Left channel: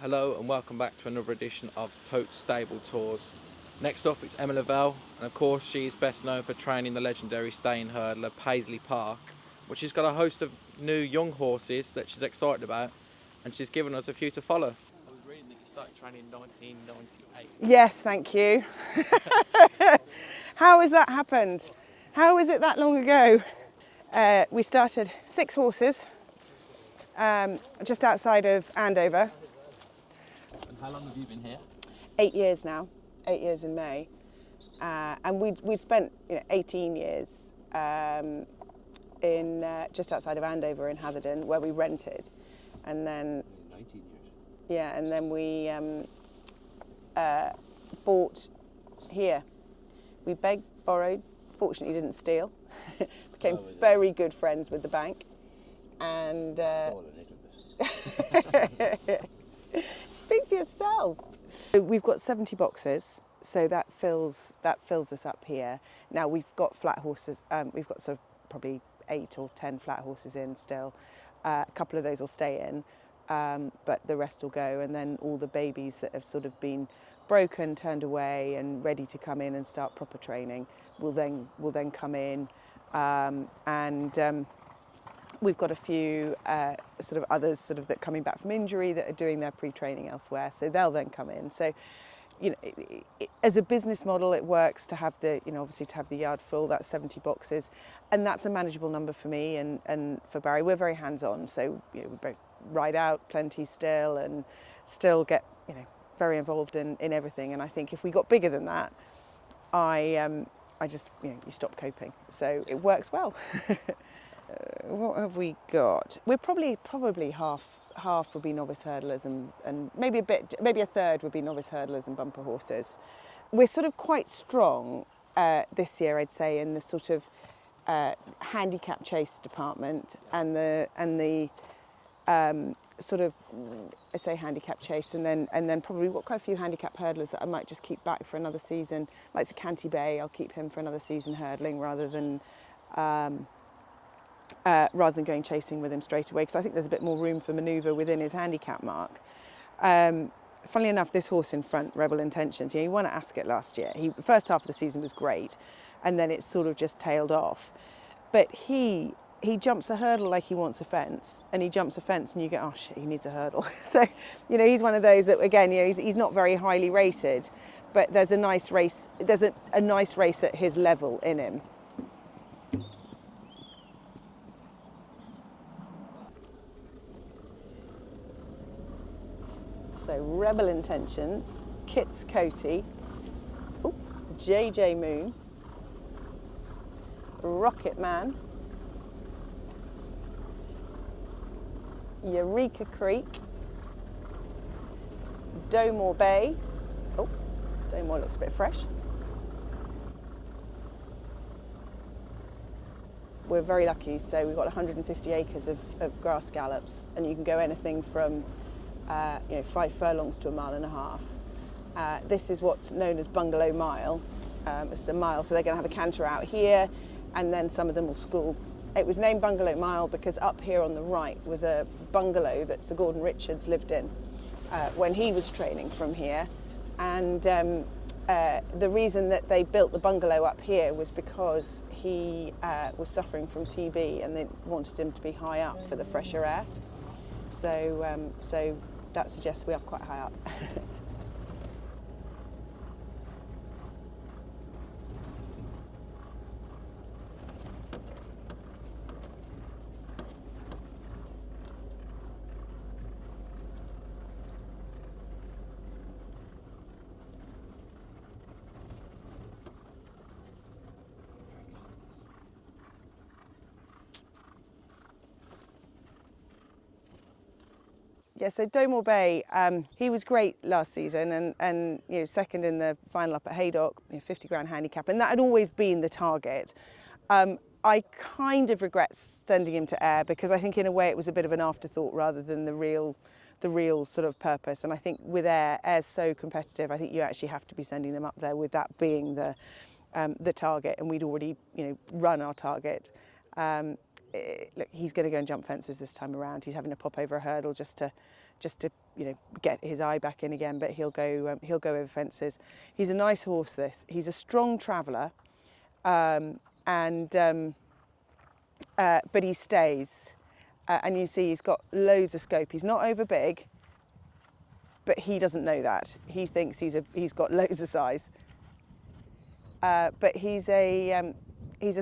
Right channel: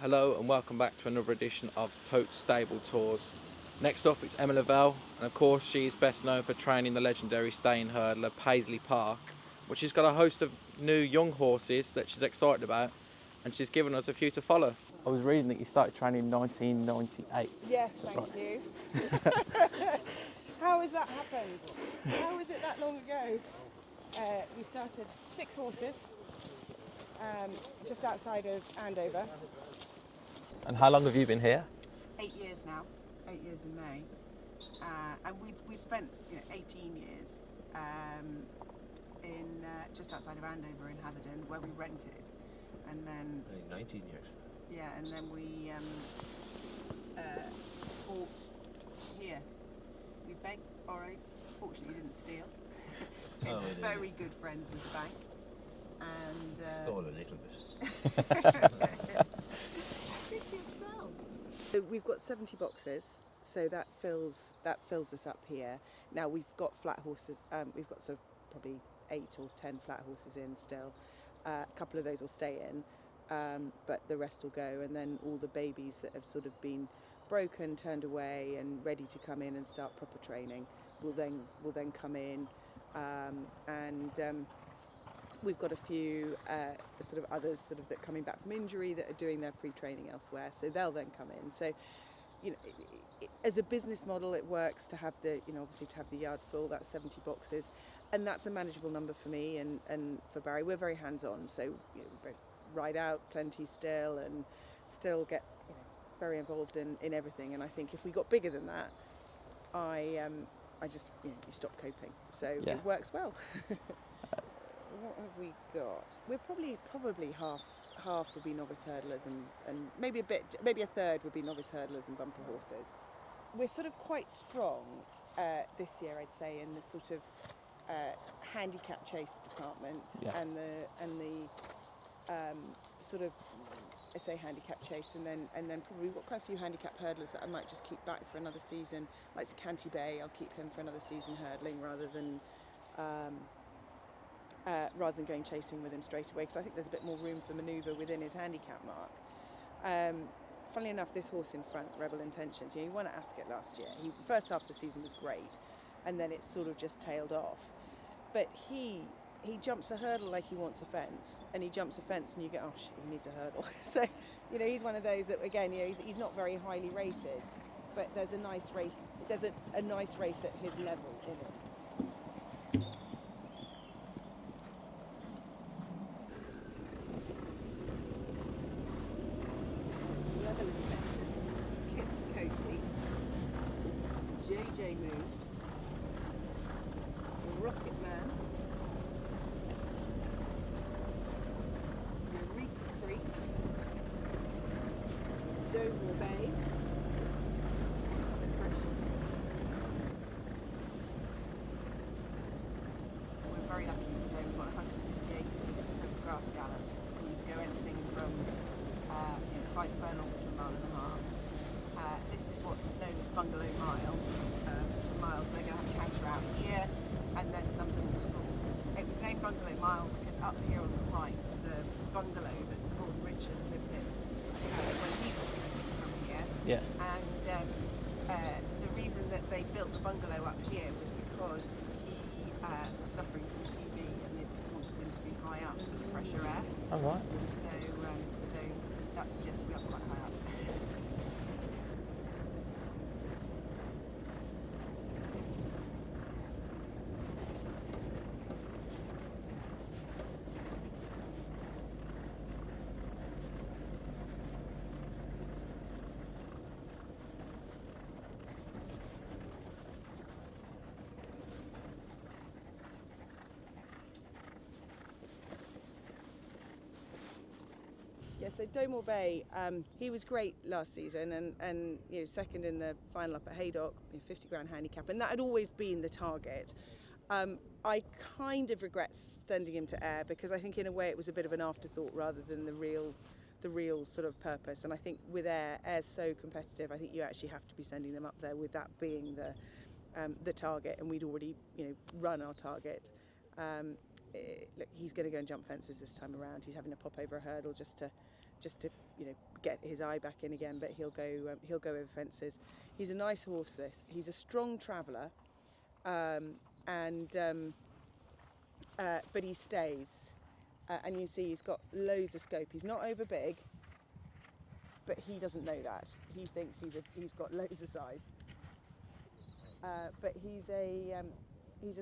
Hello and welcome back to another edition of Tote Stable Tours. Next up it's Emma Lavelle, and of course she is best known for training the legendary staying hurdler Paisley Park, which has got a host of new young horses that she's excited about, and she's given us a few to follow. I was reading that you started training in 1998. Yes, thank you. How has that happened? How is it that long ago? We started 6 horses just outside of Andover. And how long have you been here? 8 years now, 8 years in May. And we spent 18 years in just outside of Andover in Hatherden, where we rented. And then 19 years. Yeah, and then we bought here. We begged, borrowed, fortunately didn't steal. Became very good friends with the bank. And Stole a little bit. Speak for yourself. We've got 70 boxes, so that fills us up here. Now we've got flat horses. We've got sort of probably 8 or 10 flat horses in still. A couple of those will stay in, but the rest will go. And then all the babies that have sort of been broken, turned away, and ready to come in and start proper training will then come in. We've got a few sort of others sort of that coming back from injury that are doing their pre-training elsewhere, so they'll then come in. So, as a business model, it works to have the obviously to have the yard full. That's 70 boxes, and that's a manageable number for me and for Barry. We're very hands-on, so we both ride out plenty still and still get very involved in everything. And I think if we got bigger than that, I just you stop coping. So it works well. What have we got? We're probably half would be novice hurdlers and maybe a third would be novice hurdlers and bumper horses. We're sort of quite strong this year, I'd say, in the sort of handicap chase department and the sort of I say handicap chase and then probably we've got quite a few handicap hurdlers that I might just keep back for another season. Like Canty Bay, I'll keep him for another season hurdling rather than going chasing with him straight away, because I think there's a bit more room for manoeuvre within his handicap mark. Funnily enough, this horse in front, Rebel Intentions, he won at Ascot last year. The first half of the season was great, and then it sort of just tailed off. But he jumps a hurdle like he wants a fence, and he jumps a fence and you go, oh shit, he needs a hurdle. So, he's one of those that, again, he's not very highly rated, but there's a nice race at his level in him. So Rebel Intentions, Kit's Tote, JJ Moon, Rocket Man, Eureka Creek, Doughmore Bay. Oh, Doughmore looks a bit fresh. We're very lucky, so we've got 150 acres of grass gallops, and you can go anything from 5 furlongs to 1.5 miles. This is what's known as Bungalow Mile. It's a mile, so they're going to have a canter out here, and then some of them will school. It was named Bungalow Mile because up here on the right was a bungalow that Sir Gordon Richards lived in when he was training from here. Yeah. And the reason that they built the bungalow up here was because he was suffering from TB, and they wanted him to be high up for the fresher air. Oh, right. So that suggests we're up quite high up. Yeah, so Doughmore Bay, he was great last season and second in the final up at Haydock, 50 grand handicap, and that had always been the target. I kind of regret sending him to Ayr because I think in a way it was a bit of an afterthought rather than the real sort of purpose. And I think with Ayr's so competitive, I think you actually have to be sending them up there with that being the target, and we'd already run our target. Look, he's going to go and jump fences this time around. He's having to pop over a hurdle just to just to get his eye back in again. But he'll go over fences. He's a nice horse. He's a strong traveller, but he stays, and you see he's got loads of scope. He's not over big, but he doesn't know that. He thinks he's got loads of size. But he's a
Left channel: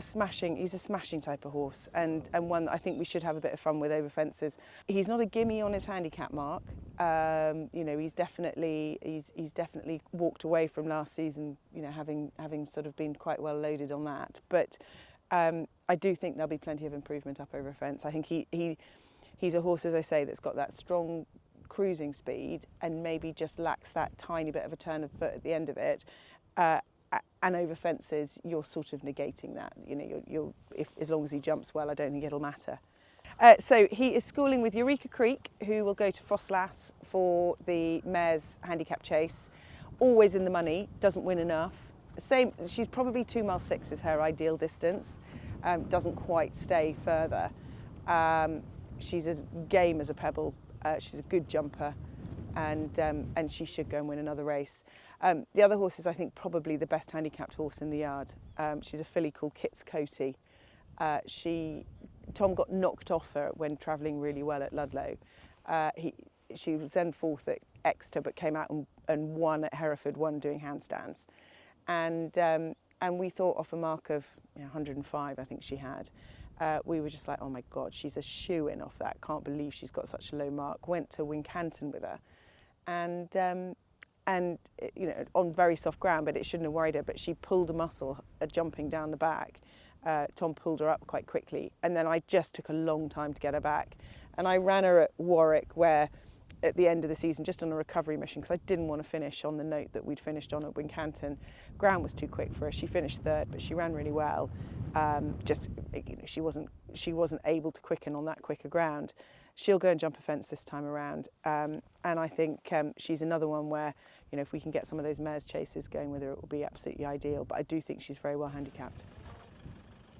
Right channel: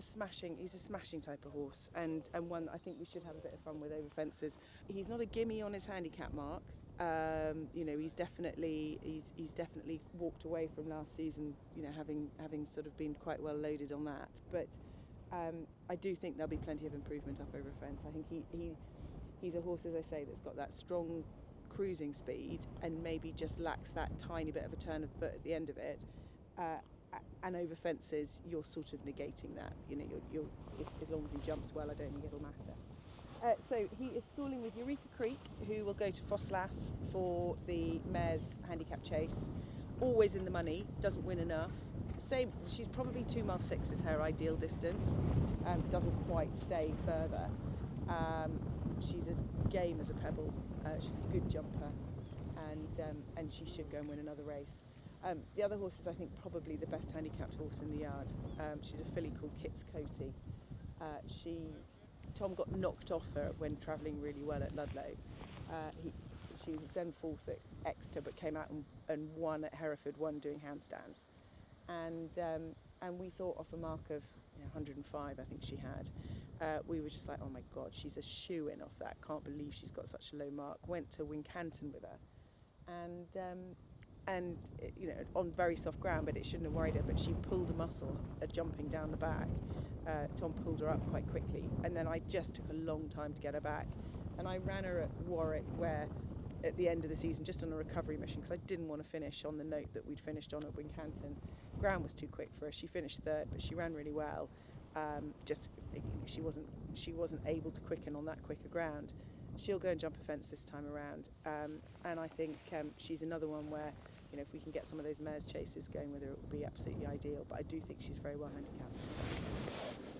smashing type of horse, and one that I think we should have a bit of fun with over fences. He's not a gimme on his handicap mark. He's definitely walked away from last season, having sort of been quite well loaded on that. But I do think there'll be plenty of improvement up over a fence. I think he's a horse, as I say, that's got that strong cruising speed and maybe just lacks that tiny bit of a turn of foot at the end of it. And over fences, you're sort of negating that. As long as he jumps well, I don't think it'll matter. So he is schooling with Eureka Creek, who will go to Fosslas for the mare's handicap chase. Always in the money, doesn't win enough. She's probably 2 miles 6 is her ideal distance. Doesn't quite stay further. She's as game as a pebble. She's a good jumper, and she should go and win another race. The other horse is, I think, probably the best handicapped horse in the yard. She's a filly called Kit's Coty. Tom got knocked off her when travelling really well at Ludlow. She was then 4th at Exeter, but came out and won at Hereford, won doing handstands. And we thought off a mark of 105, I think she had. We were just like, oh my God, she's a shoo-in off that. Can't believe she's got such a low mark. Went to Wincanton with her, and on very soft ground, but it shouldn't have worried her. But she pulled a muscle jumping down the back. Tom pulled her up quite quickly, and then I just took a long time to get her back. And I ran her at Warwick, where at the end of the season, just on a recovery mission, because I didn't want to finish on the note that we'd finished on at Wincanton. Ground was too quick for her. She finished 3rd, but she ran really well. She wasn't able to quicken on that quicker ground. She'll go and jump a fence this time around, and I think she's another one where, if we can get some of those mares chases going with her, it will be absolutely ideal. But I do think she's very well handicapped.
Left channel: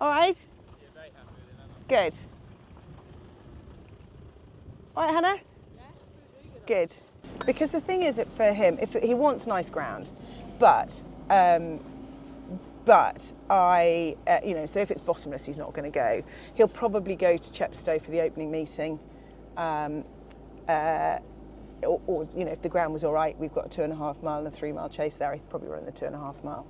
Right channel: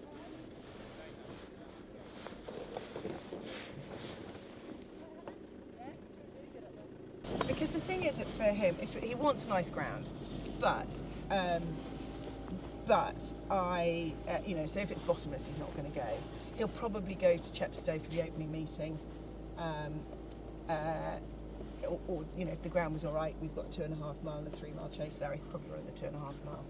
All right. Good. All right, Hannah. Good. Because the thing is, for him, if he wants nice ground, but so if it's bottomless, he's not going to go. He'll probably go to Chepstow for the opening meeting. Or if the ground was all right, we've got a 2.5 mile and a 3 mile chase there. He'd probably run the 2.5 mile.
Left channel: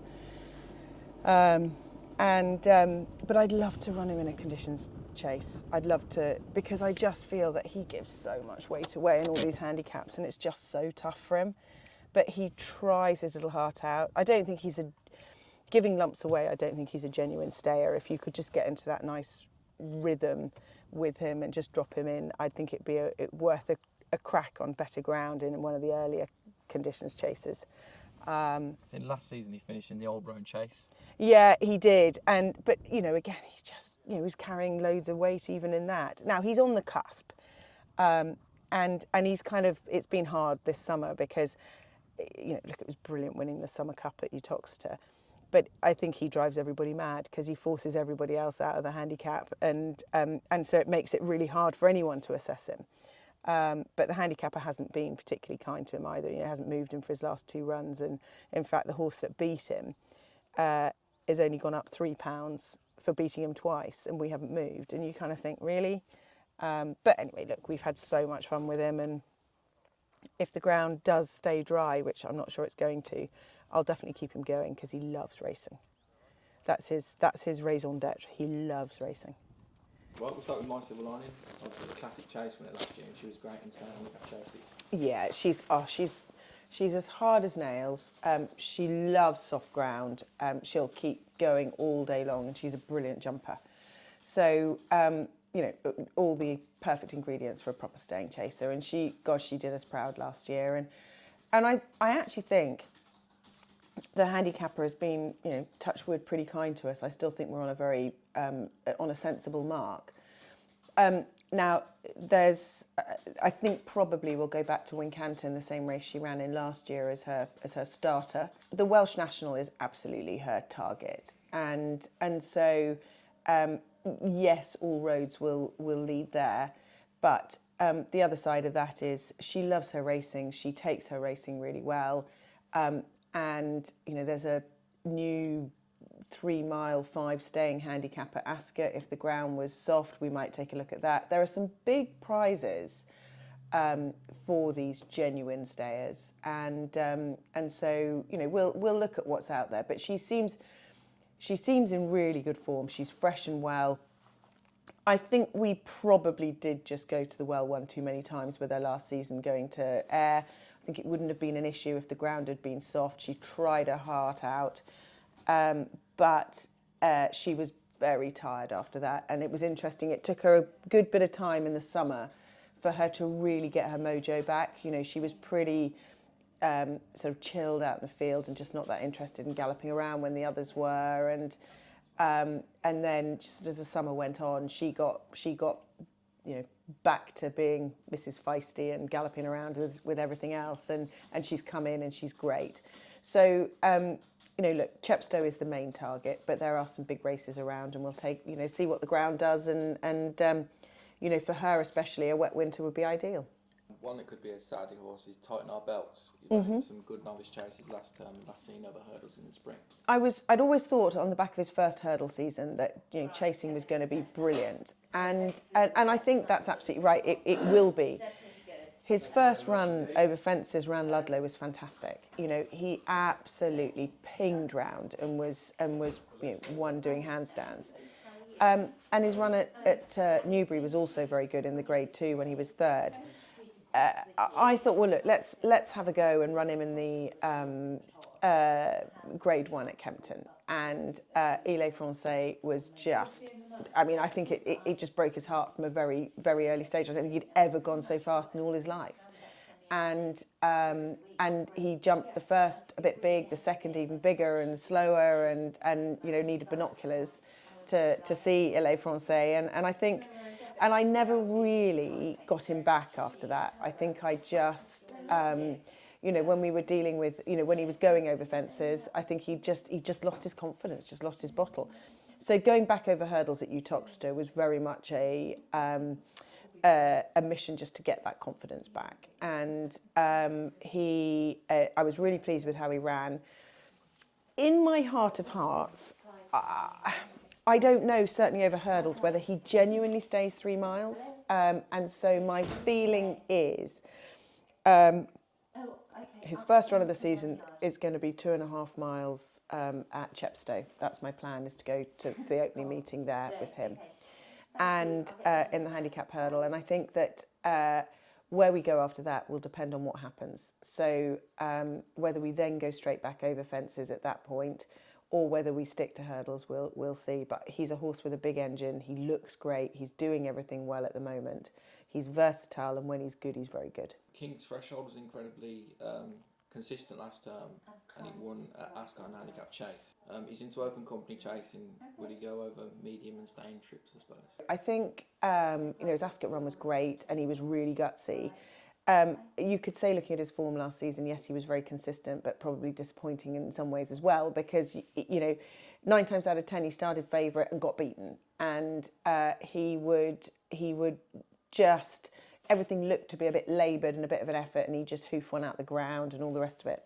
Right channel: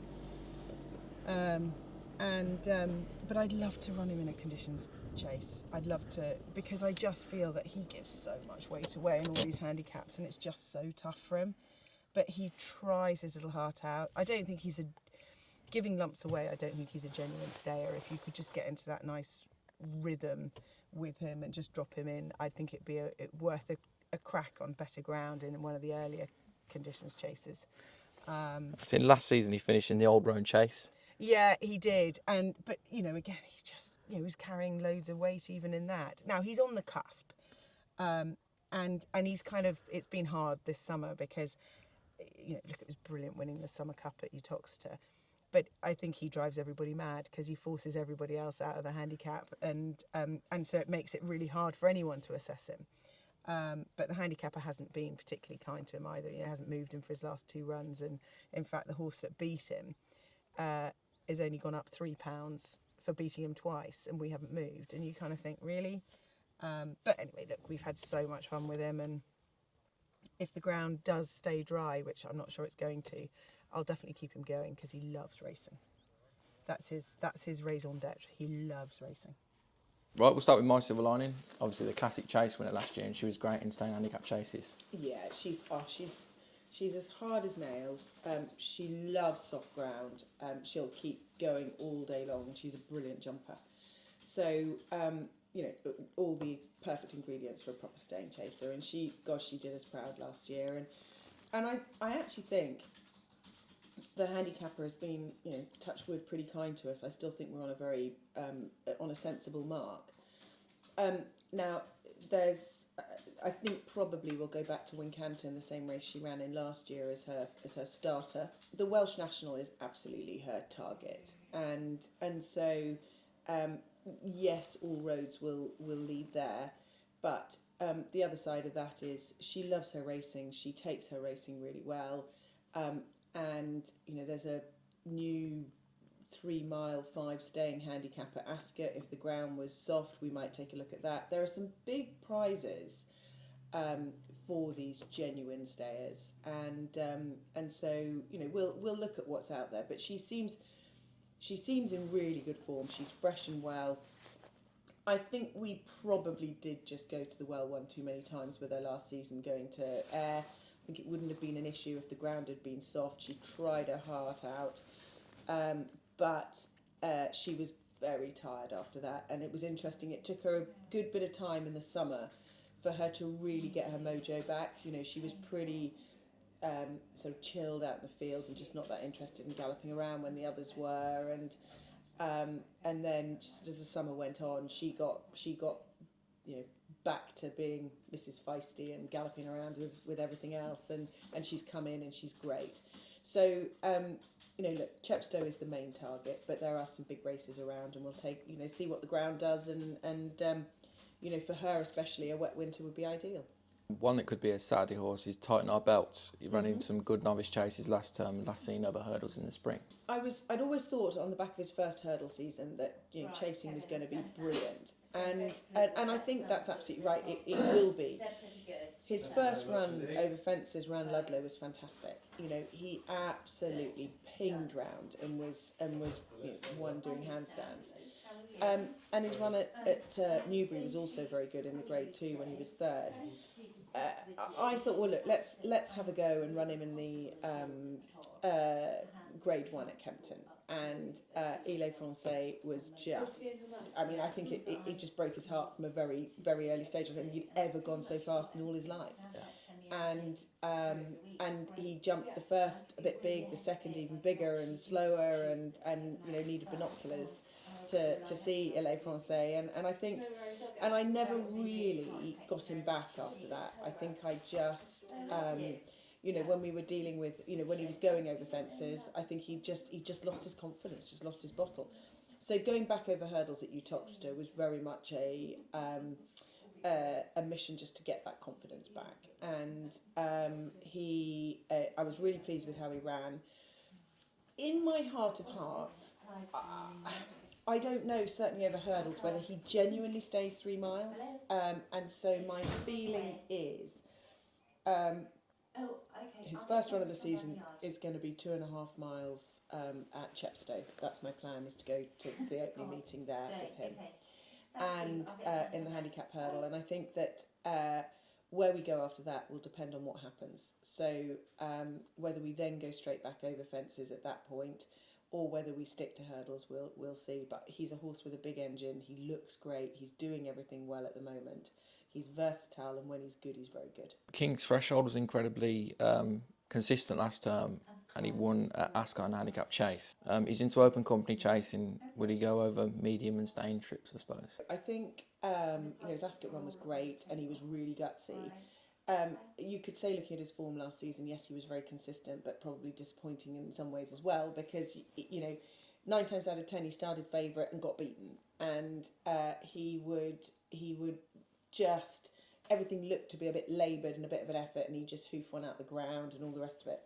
But I'd love to run him in a conditions chase. I'd love to, because I just feel that he gives so much weight away in all these handicaps, and it's just so tough for him. But he tries his little heart out. I don't think he's giving lumps away. I don't think he's a genuine stayer. If you could just get into that nice rhythm with him and just drop him in, I think it'd be worth a crack on better ground in one of the earlier conditions chases. Seen last season he finished in the Old Roan Chase. Yeah, he did, but again, he's just he's carrying loads of weight even in that. Now he's on the cusp, and he's it's been hard this summer because look, it was brilliant winning the Summer Cup at Uttoxeter, but I think he drives everybody mad because he forces everybody else out of the handicap, and so it makes it really hard for anyone to assess him. But the handicapper hasn't been particularly kind to him either. He hasn't moved him for his last 2 runs, and in fact, the horse that beat him has only gone up £3 for beating him twice, and we haven't moved. And you kind of think, really? But anyway, look, we've had so much fun with him, and if the ground does stay dry, which I'm not sure it's going to, I'll definitely keep him going because he loves racing. That's his raison d'etre. He loves racing. Right, we'll start with My Silver Lining. Obviously, the classic chase winner last year, and she was great in staying handicap chases. Yeah, she's as hard as nails. She loves soft ground. She'll keep going all day long, and she's a brilliant jumper. So, all the perfect ingredients for a proper staying chaser. And she did us proud last year. And I actually think the handicapper has been, touch wood, pretty kind to us. I still think we're on a very, on a sensible mark. Now, I think probably we'll go back to Wincanton, the same race she ran in last year as her starter. The Welsh National is absolutely her target, and so yes, all roads will lead there, but the other side of that is she loves her racing. She takes her racing really well. And, you know, there's a new 3 mile 5 staying handicap at Ascot. If the ground was soft, we might take a look at that. There are some big prizes for these genuine stayers, and so, you know, we'll look at what's out there. But she seems in really good form. She's fresh and well. I think we probably did just go to the well one too many times with her last season going to Ayr. I think it wouldn't have been an issue if the ground had been soft. She tried her heart out, but she was very tired after that. And it was interesting. It took her a good bit of time in the summer for her to really get her mojo back. You know, she was pretty sort of chilled out in the field and just not that interested in galloping around when the others were. And then just as the summer went on, she got you know, back to being Mrs. Feisty and galloping around with everything else, and she's come in and she's great. So you know, look, Chepstow is the main target, but there are some big races around, and we'll take, you know, see what the ground does, and you know, for her especially, a wet winter would be ideal. One that could be a Saturday horse is Tightenourbelts. He ran in some good novice chases last term and last seen other hurdles in the spring. I'd always thought on the back of his first hurdle season that, you know, chasing was going to be brilliant, and I think that's absolutely right. It will be. His first run over fences around Ludlow was fantastic. You know, he absolutely pinged round and was you know, won doing handstands. And his run at Newbury was also very good in the Grade 2 when he was third. I thought, well, look, let's have a go and run him in the Grade 1 at Kempton. And Il Francais was just, I mean, I think it just broke his heart from a very, very early stage. I don't think he'd ever gone so fast in all his life. And he jumped the first a bit big, the second even bigger and slower, and you know, needed binoculars to see Il Francais. And I think, and I never really got him back after that. I think I just, you know, when we were dealing with, you know, when he was going over fences, I think he just lost his confidence, just lost his bottle. So going back over hurdles at Uttoxeter was very much a mission just to get that confidence back. And I was really pleased with how he ran. In my heart of hearts, I don't know, certainly over hurdles, whether he genuinely stays 3 miles. And so my feeling is his first run of the season is going to be 2.5 miles at Chepstow. That's my plan, is to go to the opening meeting there with him. And in the handicap hurdle. And I think that where we go after that will depend on what happens. So whether we then go straight back over fences at that point, or whether we stick to hurdles, we'll see. But he's a horse with a big engine. He looks great. He's doing everything well at the moment. He's versatile, and when he's good, he's very good. King's Threshold was incredibly consistent last term, and he won at Ascot and Handicap Chase. He's into open company chasing. Would he go over medium and staying trips, I suppose? I think you know, his Ascot run was great, and he was really gutsy. You could say, looking at his form last season, yes, he was very consistent, but probably disappointing in some ways as well, because, you know, 9 times out of 10 he started favourite and got beaten, and he would just, everything looked to be a bit laboured and a bit of an effort, and he just hoof one out the ground and all the rest of it.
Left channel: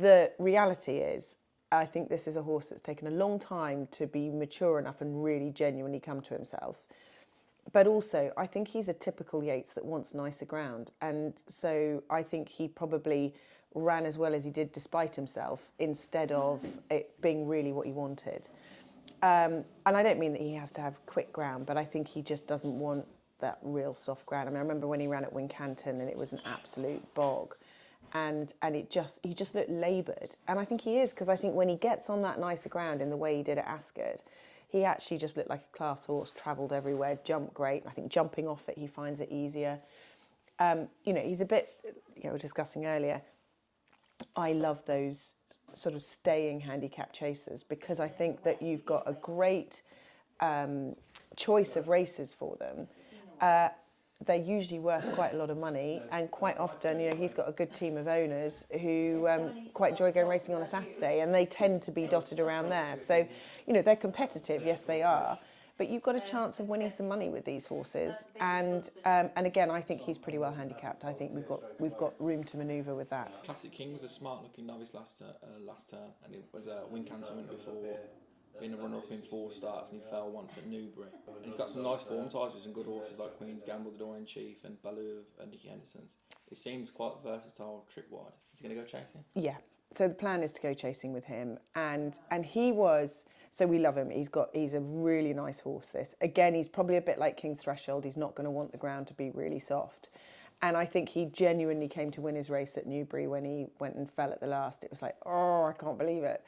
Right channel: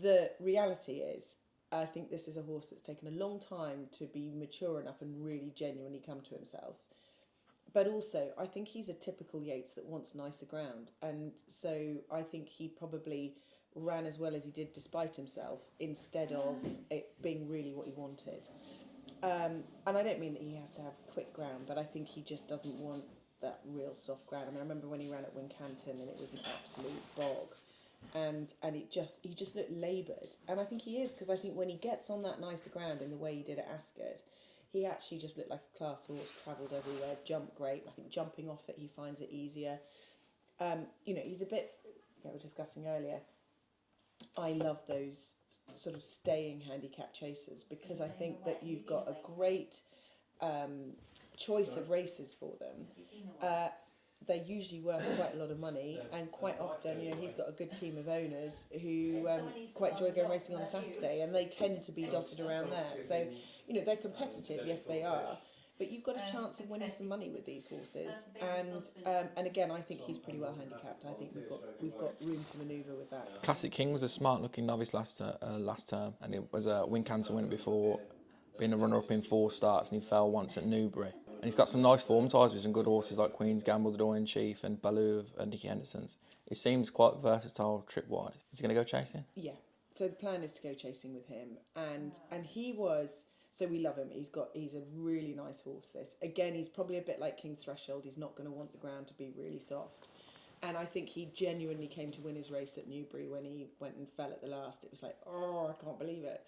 The reality is, I think this is a horse that's taken a long time to be mature enough and really genuinely come to himself. But also, I think he's a typical Yates that wants nicer ground. And so I think he probably ran as well as he did despite himself, instead of it being really what he wanted. And I don't mean that he has to have quick ground, but I think he just doesn't want that real soft ground. I mean, I remember when he ran at Wincanton and it was an absolute bog. And he just looked laboured. And I think he is, because I think when he gets on that nicer ground in the way he did at Ascot, he actually just looked like a class horse, travelled everywhere, jumped great. I think jumping off it, he finds it easier. You know, he's a bit, you know, we were discussing earlier, I love those sort of staying handicap chasers, because I think that you've got a great choice of races for them. They're usually worth quite a lot of money, and quite often, you know, he's got a good team of owners who quite enjoy going racing on a Saturday, and they tend to be dotted around there. So, you know, they're competitive, yes they are, but you've got a chance of winning some money with these horses. And again, I think he's pretty well handicapped. I think we've got room to manoeuvre with that. Classic King was a smart-looking novice last term, and it was a win cancer winner before, being a runner-up in 4 starts, and he fell once at Newbury. And he's got some nice form ties with some good horses like Queen's Gamble, the Dorian Chief, and Baloo of Nicky Henderson's. He seems quite versatile trip-wise. Is he going to go chasing? Yeah. So the plan is to go chasing with him, and he was. So we love him. He's a really nice horse. This again, he's probably a bit like King's Threshold. He's not going to want the ground to be really soft. And I think he genuinely came to win his race at Newbury when he went and fell at the last. It was like, oh, I can't believe it.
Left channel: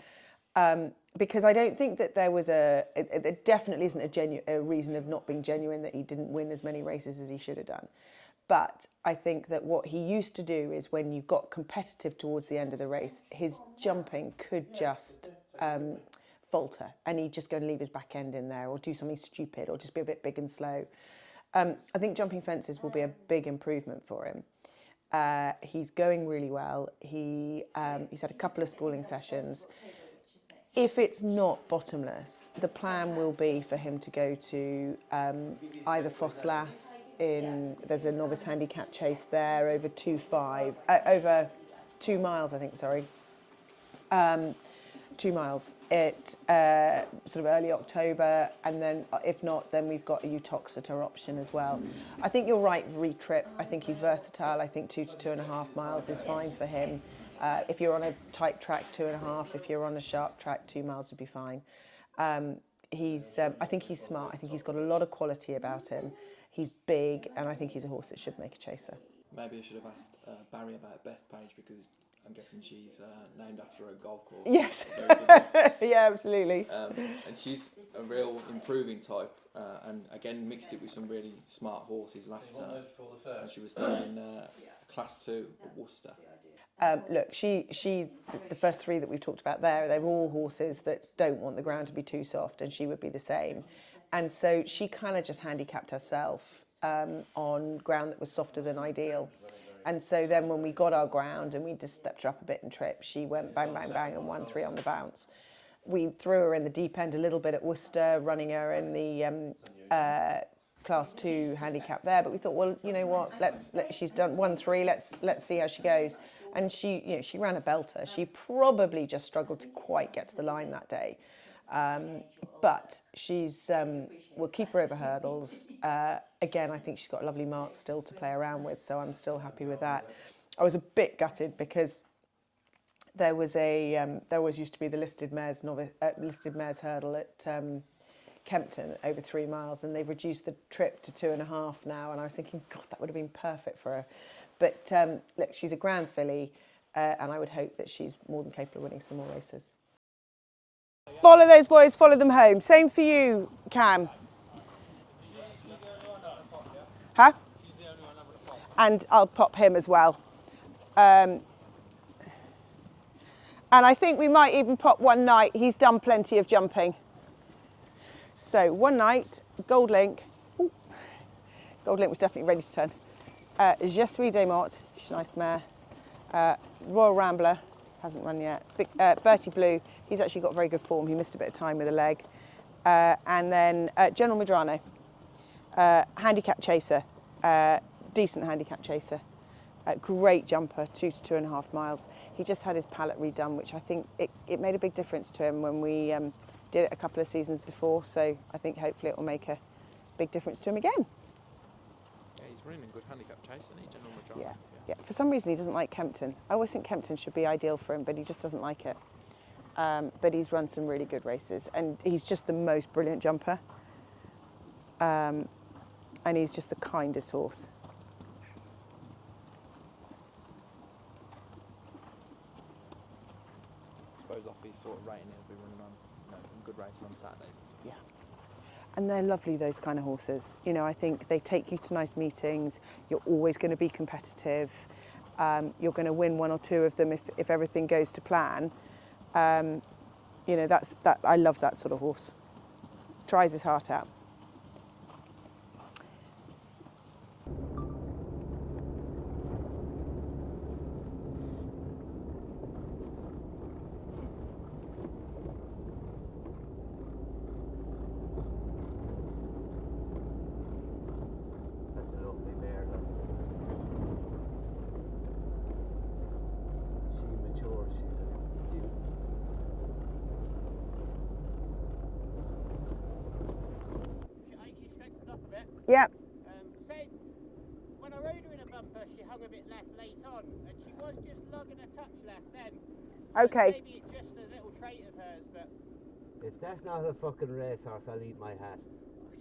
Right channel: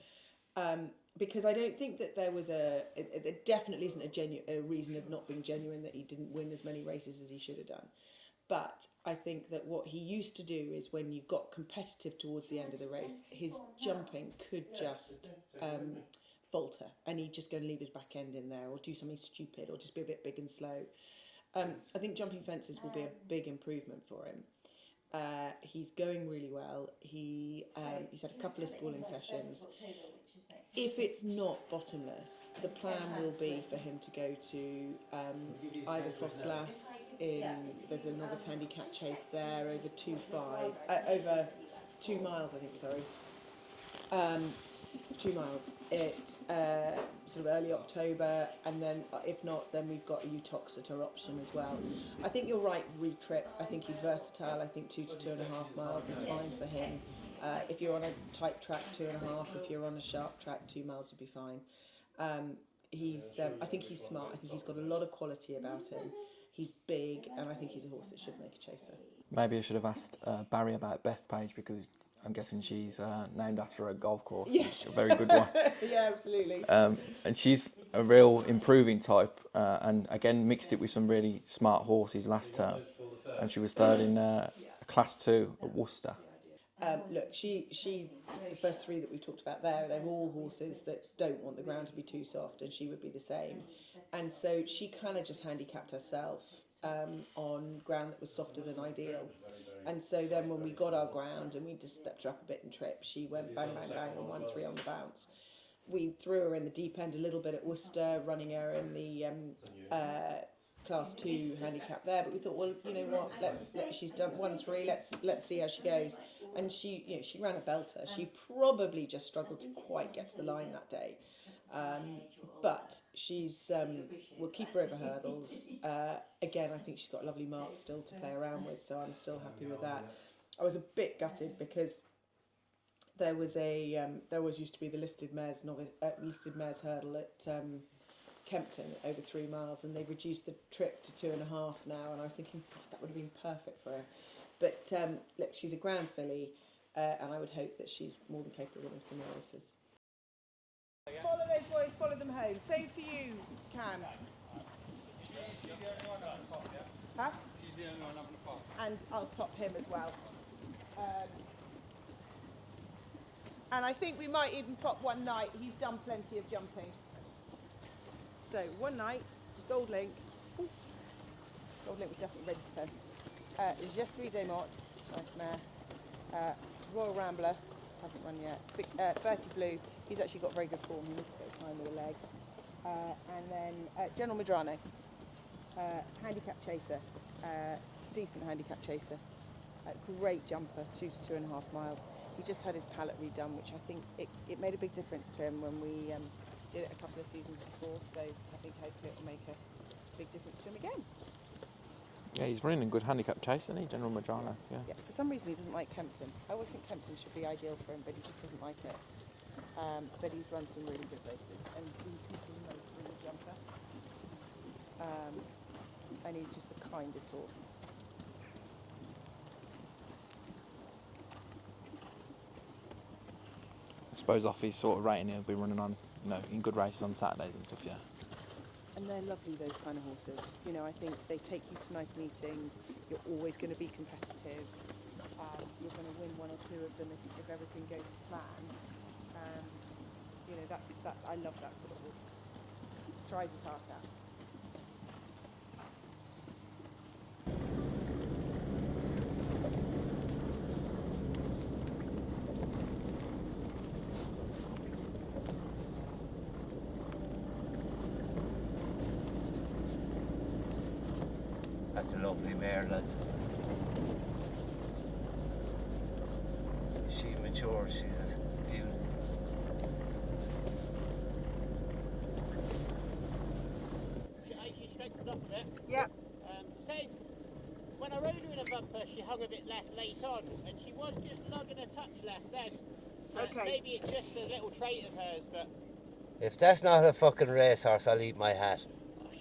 Because I don't think that there was there definitely isn't a reason of not being genuine that he didn't win as many races as he should have done. But I think that what he used to do is when you got competitive towards the end of the race, his jumping could just falter, and he'd just go and leave his back end in there or do something stupid or just be a bit big and slow. I think jumping fences will be a big improvement for him. He's going really well. He's had a couple of schooling sessions. If it's not bottomless, the plan will be for him to go to either Fosslas there's a novice handicap chase there over over 2 miles, I think, sorry. 2 miles at sort of early October, and then if not, then we've got a Utoxeter option as well. I think you're right, re-trip. I think he's versatile. I think 2 to 2.5 miles is fine for him. If you're on a tight track, 2.5. If you're on a sharp track, 2 miles would be fine. I think he's smart. I think he's got a lot of quality about him. He's big, and I think he's a horse that should make a chaser. Maybe I should have asked Barry about Bethpage, because I'm guessing she's named after a golf course. Yes. A very good one. Yeah, absolutely. And she's a real improving type, and again mixed it with some really smart horses last term. And she was third in Class 2 at Worcester. Look, the first 3 that we've talked about there, they're all horses that don't want the ground to be too soft, and she would be the same. And so she kind of just handicapped herself on ground that was softer than ideal. And so then when we got our ground and we just stepped her up a bit and trip, she went bang, bang, bang and won 3 on the bounce. We threw her in the deep end a little bit at Worcester, running her in the Class 2 handicap there. But we thought, well, you know what? She's done 1-3. Let's see how she goes. And she ran a belter. She probably just struggled to quite get to the line that day. But we'll keep her over hurdles. Again, I think she's got a lovely mark still to play around with, so I'm still happy with that. I was a bit gutted because there always used to be the listed mares hurdle at Kempton over 3 miles, and they've reduced the trip to 2.5 now. And I was thinking, God, that would have been perfect for her. But look, she's a grand filly, and I would hope that she's more than capable of winning some more races. Follow those boys, follow them home. Same for you, Cam. Huh? And I'll pop him as well. And I think we might even pop One Night. He's done plenty of jumping. So One Night, Gold Link. Ooh. Gold Link was definitely ready to turn. Jesuila Des Mottes, she's a nice mare. Royal Rambler, hasn't run yet. Bertie Blue, he's actually got very good form. He missed a bit of time with a leg. And then General Medrano, handicap chaser, decent handicap chaser. Great jumper, 2 to 2.5 miles. He just had his palate redone, which I think it made a big difference to him when we did it a couple of seasons before. So I think hopefully it will make a big difference to him again. Yeah, he's running a good handicap chase, isn't he, General Medrano? Yeah. For some reason he doesn't like Kempton. I always think Kempton should be ideal for him, but he just doesn't like it. But he's run some really good races, and he's just the most brilliant jumper. And he's just the kindest horse. I suppose off his sort of rating, he'll be running on, in good races on Saturdays and stuff, yeah. And they're lovely, those kind of horses. I think they take you to nice meetings. You're always going to be competitive. You're going to win 1 or 2 of them if everything goes to plan. I love that sort of horse. Tries his heart out. a lovely mare, lads. She matures, she's a beauty. She strengthened up a bit. Yeah. Say, when I rode her in a bumper, she hung a bit left late on, and she was just lugging a touch left then. Okay. Maybe it's just a little trait of hers, but If that's not a fucking racehorse, I'll eat my hat.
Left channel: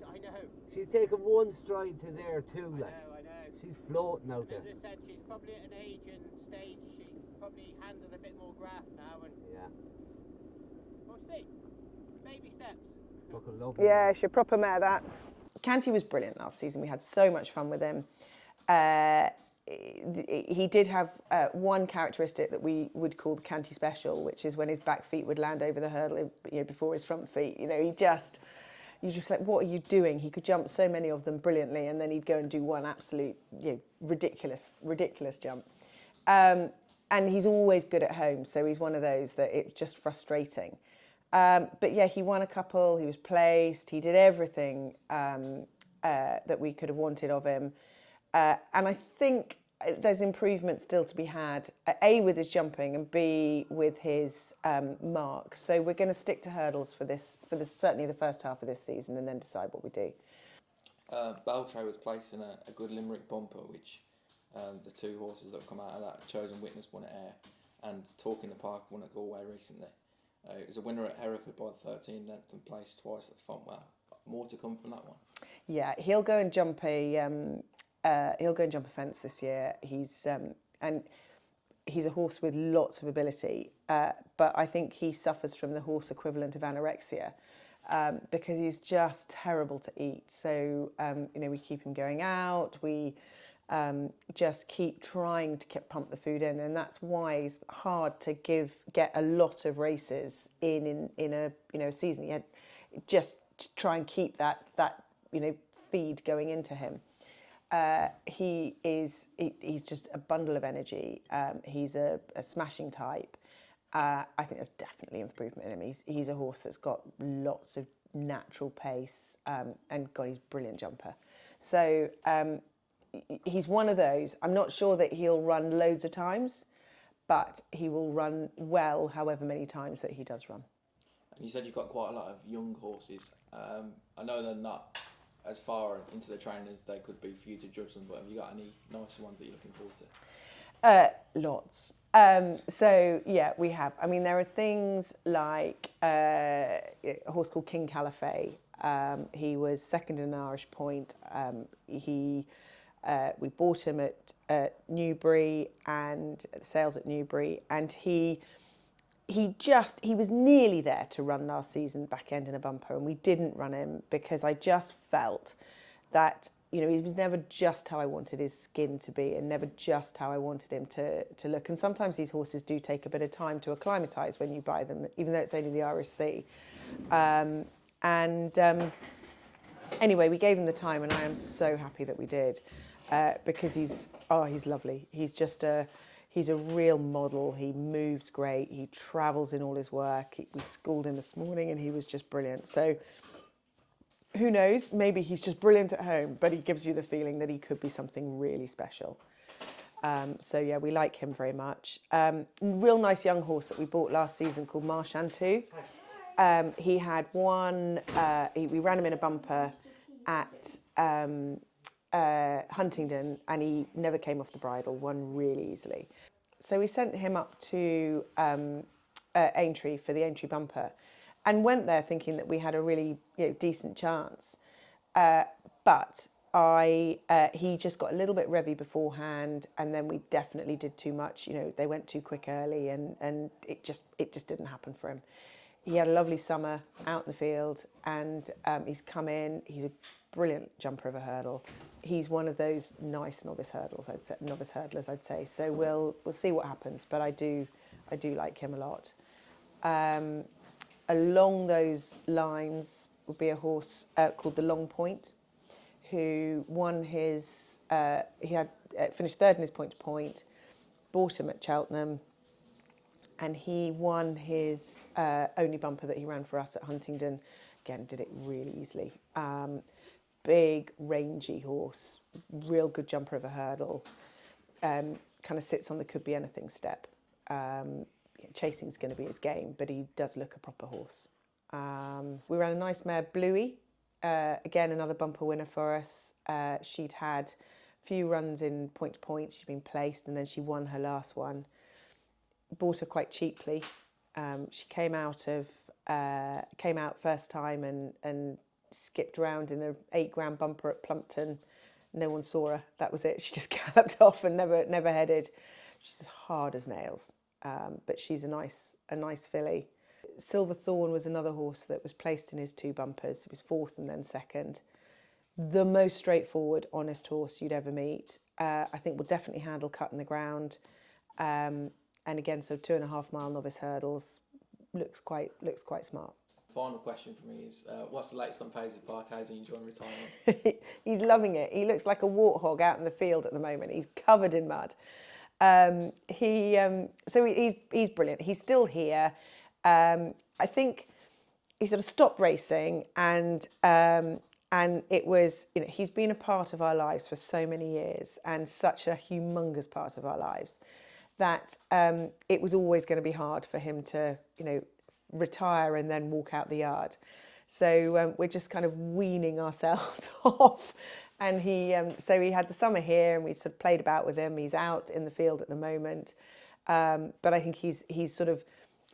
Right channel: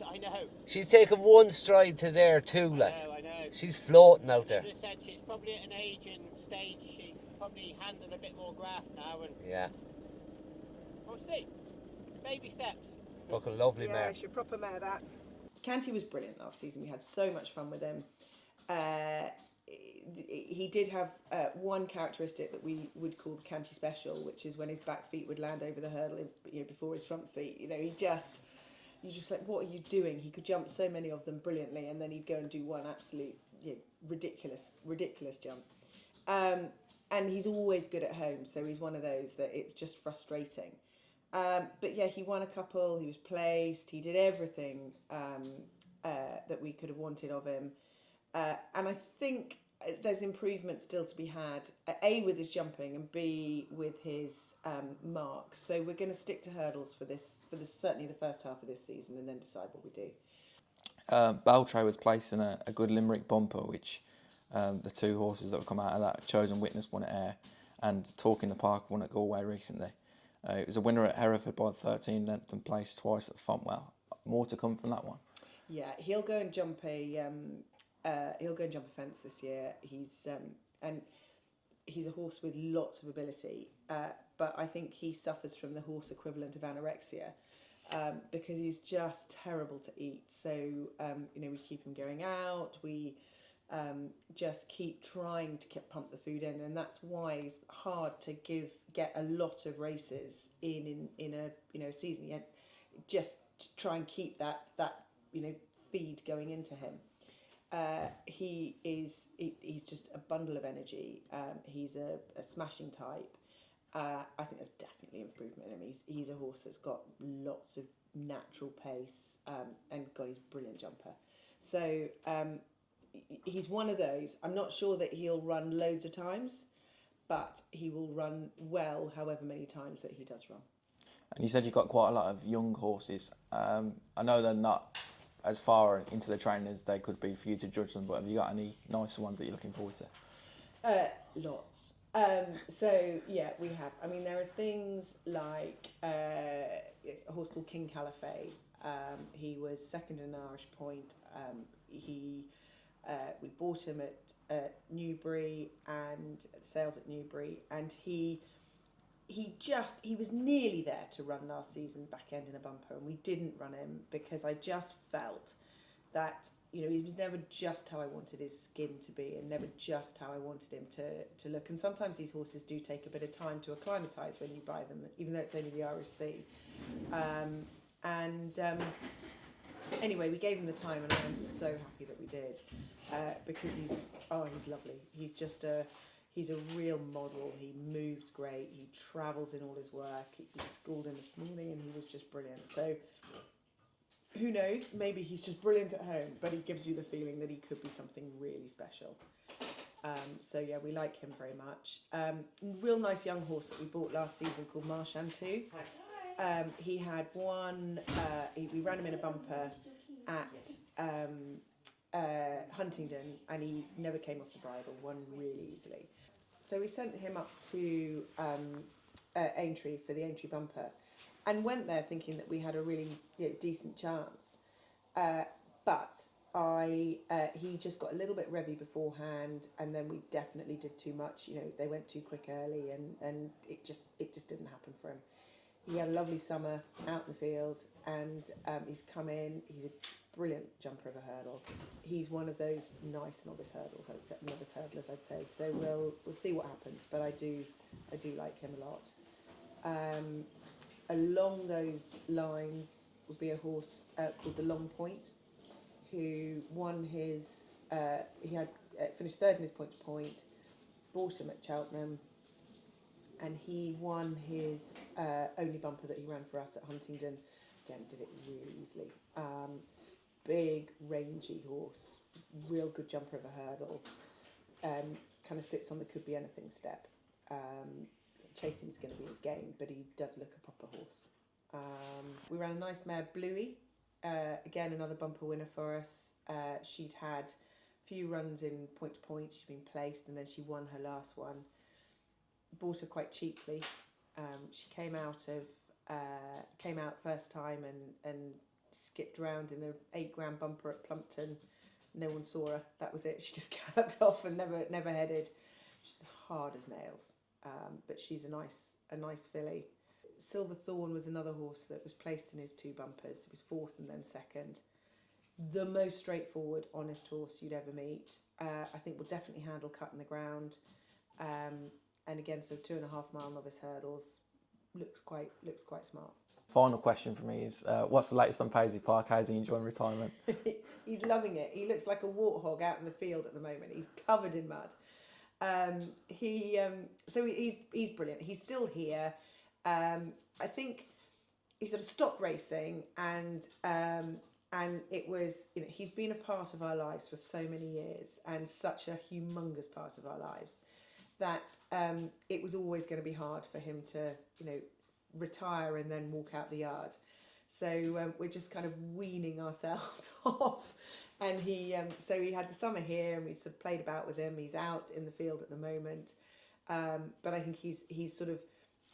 I know. She's taken one stride to there too, like. I know. She's floating out there. As I said, she's probably at an age and stage she can probably handle a bit more graft now, and Yeah. we'll see. Baby steps. Fucking lovely Yeah, mare. she's a proper mare, that. Canty was brilliant last season. We had so much fun with him. He did have one characteristic that we would call the Canty special, which is when his back feet would land over the hurdle, before his front feet. You're just like, what are you doing? He could jump so many of them brilliantly, and then he'd go and do one absolute, ridiculous jump. And he's always good at home, so he's one of those that it's just frustrating. But yeah, he won a couple, he was placed, he did everything that we could have wanted of him. And I think there's improvement still to be had, A, with his jumping, and B, with his mark. So we're going to stick to hurdles for this, certainly the first half of this season, and then decide what we do. Baltray was placed in a good Limerick bumper, which the two horses that have come out of that, Chosen Witness won at Ayr, and Talk in the Park won at Galway recently. It was a winner at Hereford by 13 length and placed twice at Fontwell. More to come from that one. Yeah, he'll go and jump a fence this year. He's a horse with lots of ability, but I think he suffers from the horse equivalent of anorexia, because he's just terrible to eat. So we keep him going out. We just keep trying to pump the food in, and that's why it's hard to get a lot of races in a season. You had just to try and keep that feed going into him. He's just a bundle of energy. He's a smashing type. I think there's definitely improvement in him. He's a horse that's got lots of natural pace, and God, he's a brilliant jumper. So he's one of those. I'm not sure that he'll run loads of times, but he will run well however many times that he does run. And you said you've got quite a lot of young horses. I know they're not as far into the training as they could be for you to judge them, but have you got any nicer ones that you're looking forward to? Lots. So yeah, we have. I mean, there are things like a horse called King Califet. He was second in an Irish point. We bought him at Newbury and at the sales at Newbury, and he was nearly there to run last season, back end in a bumper, and we didn't run him because I just felt that he was never just how I wanted his skin to be, and never just how I wanted him to look. And sometimes these horses do take a bit of time to acclimatise when you buy them, even though it's only the RSC. Anyway, we gave him the time, and I am so happy that we did, because he's lovely. He's a real model. He moves great. He travels in all his work. We schooled him this morning, and he was just brilliant. So who knows? Maybe he's just brilliant at home, but he gives you the feeling that he could be something really special. So yeah, we like him very much. Real nice young horse that we bought last season called Shantou. He had one. We ran him in a bumper at Huntingdon, and he never came off the bridle. Won really easily. So we sent him up to Aintree for the Aintree bumper, and went there thinking that we had a really decent chance. But he just got a little bit revvy beforehand, and then we definitely did too much. They went too quick early, and it just didn't happen for him. He had a lovely summer out in the field, and he's come in. He's a brilliant jumper of a hurdle. He's one of those nice novice hurdlers, I'd say. So we'll see what happens, but I do like him a lot. Along those lines would be a horse called the Long Point, who won his. He had finished third in his point to point. Bought him at Cheltenham. And he won his only bumper that he ran for us at Huntingdon. Again, did it really easily. big, rangy horse, real good jumper of a hurdle. Kind of sits on the could be anything step. Chasing's going to be his game, but he does look a proper horse. We ran a nice mare, Bluey. Again, another bumper winner for us. She'd had a few runs in point to point. She'd been placed, and then she won her last one. Bought her quite cheaply. She came out first time and skipped around in an 8 grand bumper at Plumpton. No one saw her. That was it. She just galloped off and never headed. She's as hard as nails, but she's a nice filly. Silver Thorn was another horse that was placed in his 2 bumpers. He was 4th and then 2nd. The most straightforward, honest horse you'd ever meet. I think will definitely handle cutting the ground. And again, so 2.5 mile novice hurdles. Looks quite smart. Final question for me is, what's the latest on Paisley Park? How's he enjoying retirement? He's loving it. He looks like a warthog out in the field at the moment. He's covered in mud. So he's brilliant. He's still here. I think he sort of stopped racing, and it was, he's been a part of our lives for so many years, and such a humongous part of our lives, that it was always going to be hard for him to, retire and then walk out the yard. So we're just kind of weaning ourselves off. And so he had the summer here, and we sort of played about with him. He's out in the field at the moment, but I think he's sort of,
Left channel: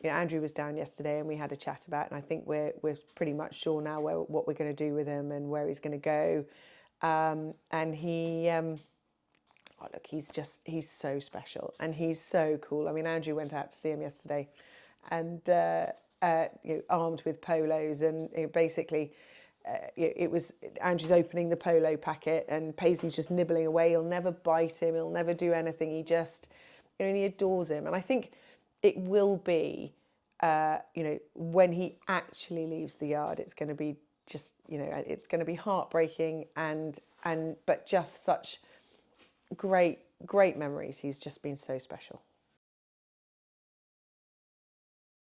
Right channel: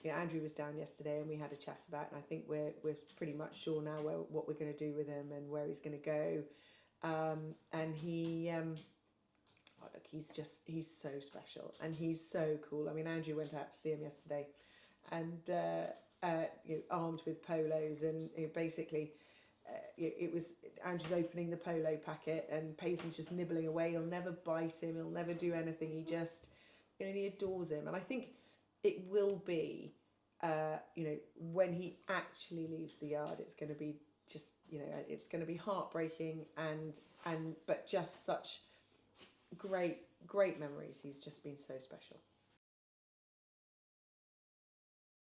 Andrew was down yesterday and we had a chat about it, and I think we're pretty much sure now what we're going to do with him and where he's going to go. And he, look, he's so special and he's so cool. I mean, Andrew went out to see him yesterday, and armed with polos, and basically it was Andrew's opening the polo packet and Paisley's just nibbling away. He'll never bite him, he'll never do anything. He just, he adores him. And I think it will be, when he actually leaves the yard, it's going to be just, it's going to be heartbreaking but just such great memories. He's just been so special.